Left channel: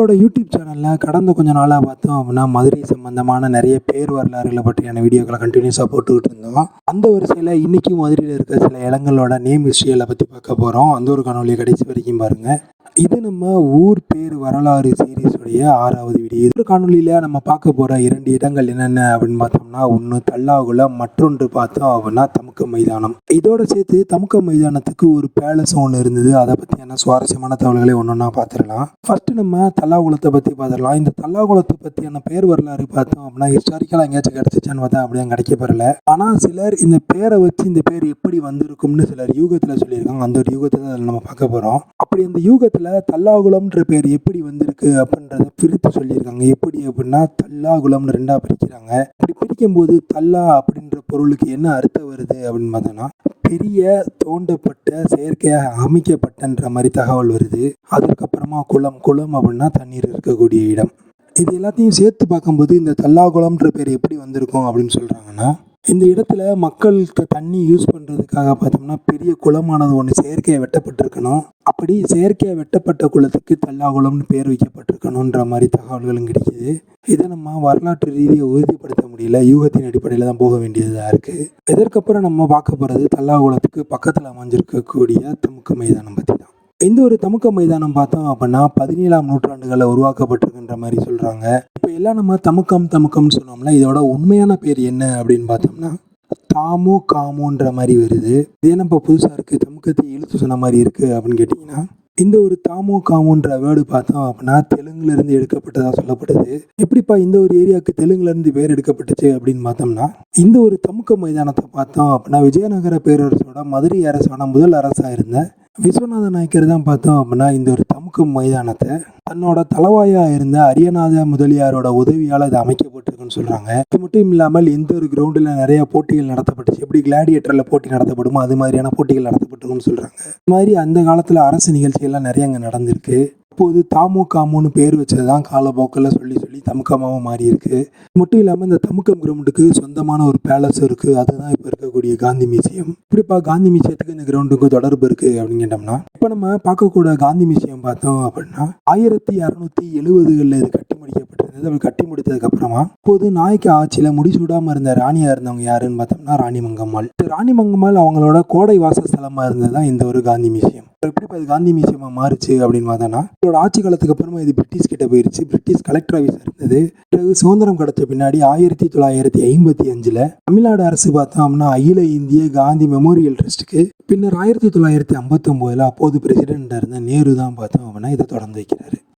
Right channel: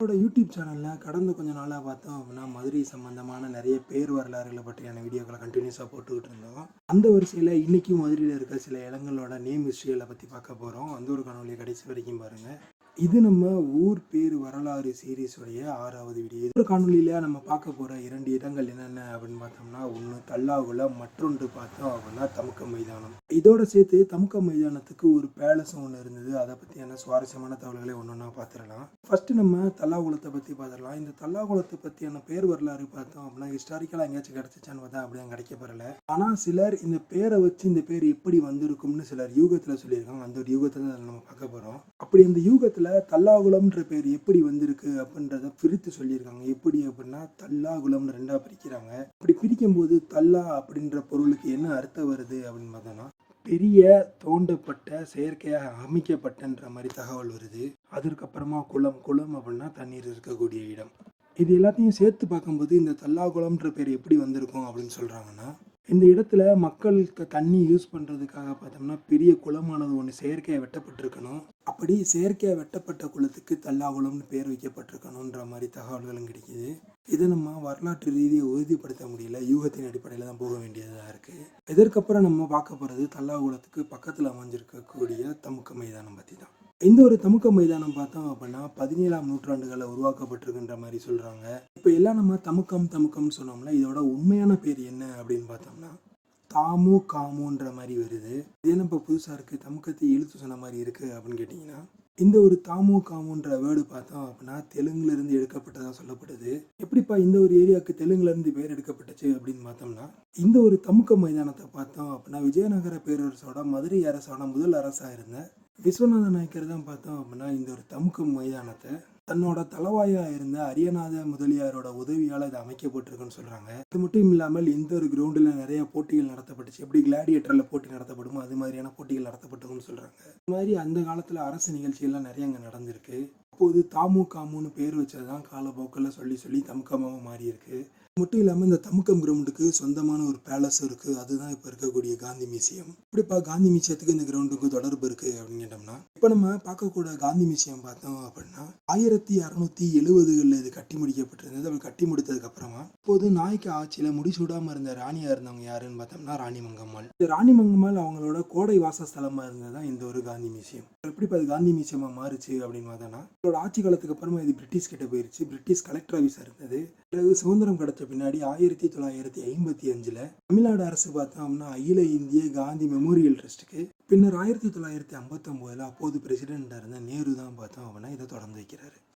என்னோட யூடியூப் சேனலில் கடந்த கொஞ்ச நாளாக பார்த்தோம் அப்படின்னா மதுரை சம்பந்தமான நிறைய பேர் வரலாறுகளை பற்றியான வீடியோக்களை கண்டினியூஸாக போட்டுக்கிட்டு இருந்தோம். அந்த வரிசையில் இன்றைக்கும் மதுரையில் இருக்க சில இடங்களோட நேம் ஹிஸ்ட்ரிகளை பற்றி பார்க்க போகிறோம். அந்த ஒரு காணொலியை கடைசி வரைக்கும் பாருங்கள். இது நம்ம ஊர் பேர் வரலாறு சீரீஸுடைய 6வது வீடியோ. இந்த காணொலியில் நம்ம பார்க்க போகிற 2 இடங்கள் என்னென்ன அப்படின்னு பார்த்தோம்னா, ஒன்று தல்லாகுளம், மற்றொன்று பார்த்தோம் அப்படின்னா தமுக்கம் மைதானம். இதோட சேர்த்து தமுக்கம் மைதானத்துக்கு ஒரு பேலஸ் ஒன்று இருந்தது. அதை பற்றியான சுவாரஸ்யமான தகவல்களை ஒன்றா பார்த்துடலாம். ஃபர்ஸ்ட் நம்ம தல்லாகுளத்தை பற்றி பார்த்துடலாம். இந்த தல்லாகுளத்தை பற்றியான பேர் வரலாறு பார்த்தோம் அப்படின்னா ஹிஸ்டாரிக்கலாக எங்கேயாச்சும் கிடச்சிச்சான்னு பார்த்தா அப்படியே கிடைக்கப்பெறல. ஆனால் சிலர் இந்த பேரை வச்சு இந்த பேர் எப்படி வந்திருக்கும்னு சிலர் யூகத்தில் சொல்லியிருக்காங்க. அந்த ஒரு யூகத்தை தான் நம்ம பார்க்க போகிறோம். அப்படி இந்த யூகத்தில் தல்லாகுளம்ன்ற பேர் எப்படி வந்திருக்கு அப்படின்றத பிரித்து சொல்லியிருக்காங்க. எப்படி அப்படின்னா தல்லாகுளம்னு 2ஆக பிரிக்கிறாங்க. இப்படி பிரிக்கும் போது தல்லா அப்படின்ற பொருளுக்கு என்ன அர்த்தம் வருது அப்படின்னு பார்த்தோன்னா, பெரிய தோண்டப்பட்ட செயற்கையாக அமைக்கப்பட்டன்ற மாதிரி தகவல் வருது. அதுக்கப்புறமா குளம் அப்படின்னா தண்ணீர் இருக்கக்கூடிய இடம். இது எல்லாத்தையும் சேர்த்து பார்க்கும்போது இந்த தல்லாகுளம்ன்ற பேர் எப்படி வந்திருக்கும் அப்படின்னு சொல்கிறாங்கன்னா, இந்த இடத்துல மக்களுக்கு தண்ணி யூஸ் பண்ணுறதுக்காக பார்த்தோம்னா பெரிய குளமானது ஒன்று செயற்கையாக வெட்டப்பட்டிருக்கணும். அப்படி செயற்கையாக வெட்டப்பட்ட குளத்துக்கு தல்லாகுளம்னு பேர் வைக்கப்பட்டிருக்கணுன்ற மாதிரி தகவல்களும் கிடைக்கிது. இதை நம்ம வரலாற்று ரீதியாக உறுதிப்படுத்த முடியல. யூகத்தின் அடிப்படையில் தான் போக வேண்டியதாக இருக்குது. இதற்கப்புறம் நம்ம பார்க்க போகிறது தல்லாகுளத்துக்கு பக்கத்தில் அமைஞ்சிருக்கக்கூடிய தமுக்கம் மைதானம் பற்றி தான். இந்த ஒரு தமுக்கம் மைதானம் பார்த்தோம் அப்படின்னா 17ஆம் நூற்றாண்டுகளில் உருவாக்கப்பட்டிருக்குன்ற மாதிரி சொல்கிறாங்க. இப்போ எல்லாம் நம்ம தமுக்கம்னு சொன்னோம்னா இதோட உண்மையான பேர் என்ன அப்படின்னு பார்த்தோம்னா தாமு காமுன்ற மாதிரி வருது. இதே நம்ம புதுசாக இருக்குது, தமுக்கத்தை இழுத்து சொன்ன மாதிரி இருக்குது அப்படின்னு கேட்டிங்கன்னா, இந்த ஒரு தாமு காமுன்ற வேர்டு பார்த்தோம் அப்படின்னா தெலுங்குலேருந்து எடுக்கப்பட்டதாக சொல்லப்படுது. எப்படிப்பா இந்த ஒரு ஏரியாவுக்கு தெலுங்குலேருந்து பேர் எடுக்கப்பட்டுச்சு அப்படின்னு பார்த்தோம்னா, இந்த ஒரு தமுக்கம் மைதானத்தை பார்த்தோம் அப்படின்னா விஜயநகர பேரரசோட மதுரை அரசோட முதல் அரசாக இருந்த விஸ்வநாத நாயக்கர் தான் பார்த்தோம் அப்படின்னா இந்த ஒரு தமுக்கம் மைதானத்தை தன்னோட தலவாயாக இருந்த அரியநாத முதலியாரோட உதவியால் இது அமைக்கப்பட்டிருக்குன்னு சொல்கிறாங்க. இது மட்டும் இல்லாமல் இந்த ஒரு கிரவுண்டில் நிறைய போட்டிகள் நடத்தப்பட்டுச்சு. எப்படி கிளாடியேட்டரில் போட்டி நடத்தப்படுமோ அது மாதிரியான போட்டிகள் நடத்தப்பட்டிருக்குன்னு சொல்கிறாங்க. இது மாதிரி அந்த காலத்தில் அரசு நிகழ்ச்சிகள்லாம் நிறைய அங்கே நடந்திருக்கு. இப்போது தாமு காமுன்னு பேர் வச்சது தான் காலப்போக்கில் சொல்லி தமுக்கமாகவும் மாறி இருக்கு. மட்டும் இல்லாமல் இந்த தமுக்கம் கிரவுண்டுக்கு சொந்தமான ஒரு பேலஸ் இருக்குது. அதுதான் இப்போ இருக்கக்கூடிய காந்தி மியூசியம். இப்படிப்பா காந்தி மியூசியத்துக்கு இந்த கிரவுண்டுக்கு தொடர்பு இருக்குது அப்படின்னு கேட்டோம்னா, இப்போ நம்ம பார்க்கக்கூட காந்தி மியூசியம் பார்த்தோம் அப்படின்னா 1670களில் இது கட்டி முடிக்கப்பட்டிருந்தது. அப்படி கட்டி முடித்ததுக்கப்புறமா இப்போது நாயக்க ஆட்சியில் முடிசூடாமல் இருந்த ராணியாக இருந்தவங்க யாருன்னு பார்த்தோம்னா ராணி மங்கம்மாள். ராணி மங்கம்மாள் அவங்களோட கோடை வாசஸ்தலமாக இருந்தது தான் இந்த ஒரு காந்தி மியூசியம். எப்படி அது காந்தி மியூசியமாக மாறுச்சு அப்படின்னு பார்த்தோன்னா, இதோட ஆட்சி காலத்துக்கு அப்புறமா இது பிரிட்டிஷ் கிட்ட போயிடுச்சு. பிரிட்டிஷ் கலெக்டர் ஆஃபீஸ் இருந்தது. பிறகு சுதந்திரம் கிடைச்ச பின்னாடி 1955 தமிழ்நாடு அரசு பார்த்தோம்னா அகில இந்திய காந்தி மெமோரியல் ட்ரஸ்ட்டுக்கு, பின்னர் 1959 அப்போது பிரசிடென்ட்டாக இருந்த நேரு தான் பார்த்தோம் அப்படின்னா இதை தொடர்ந்து வைக்கிறாரு.